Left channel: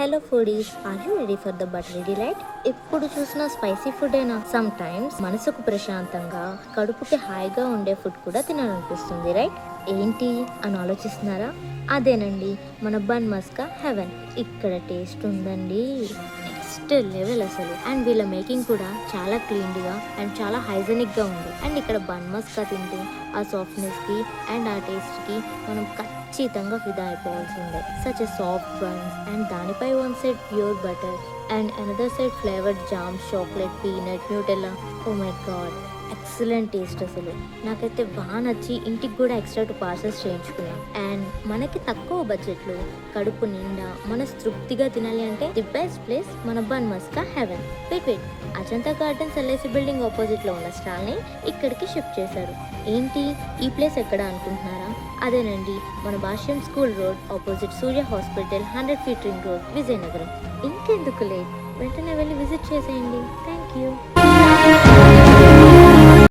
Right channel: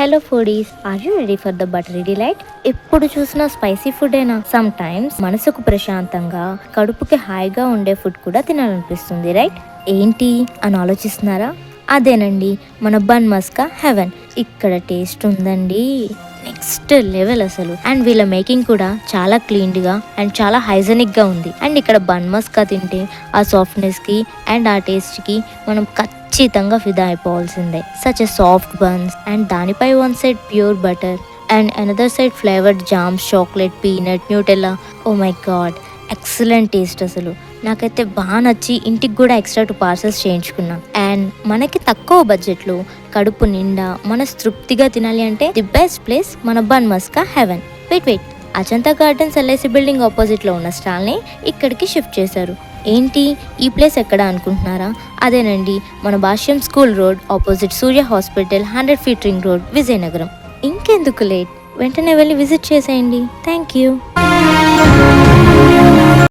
Hello foodies, are you ready for the buttery delight? ఎప్పుడు చూసినా spicy food అయినా some times మనసుకు ప్రశాంతంగా కడుపుకి హాయిగా ఉండే ఫుడ్ కూడా తినాలనిపిస్తుంది, రైట్? ఏంటి అని ఆలోచిస్తున్నారా? అదేనండి మన బన్ మస్కా హెవెన్. ఇక్కడ టేస్ట్ ఉందండి నెక్స్ట్ లెవెల్ అసలు. అండ్ వీళ్ళ మేకింగ్ కూడా చాలా క్లీన్గా అండ్ చాలా హైజెనిక్గా ఉంది. అండ్ ఇక్కడ బన్ మస్కా తింటే ఆ సాఫ్ట్నెస్కి అండ్ ఆ టేస్ట్కి మనం ఖచ్చితంగా ఫిదా అయిపోవాల్సిందే. Such a soft buns and దానిపై one side pure butter and another side flavoured jams, chocolate, peanut, Nutella. Oh my God, excellent taste అసలు. నాకైతే బాగా నచ్చి ఇంటికి కూడా ఎక్స్ట్రా 2 పార్సల్స్ చేయించుకున్నాం. అండ్ మనకి తక్కువ బడ్జెట్లో కడుపు నిండా తృప్తిగా తినాలి అంటే ది బెస్ట్ ప్లేస్ మన bun maska heaven. Wait, Ajanta gardens LIC building ఆపోజిట్లో ఉన్న స్టాల్ని ఇక్కడికి షిఫ్ట్ చేశారు. ఏంటి ఈ ప్లేస్ ఎక్కడ అనుకుంటున్నారా? అదేనండి మన Bhashyam school road opposite Surya hospital, 100 feet ring road, Vizianagaram. ఇంకెందుకు లేట్, వెంటనే వెళ్ళి విజిట్ చేసేయండి. Thank you.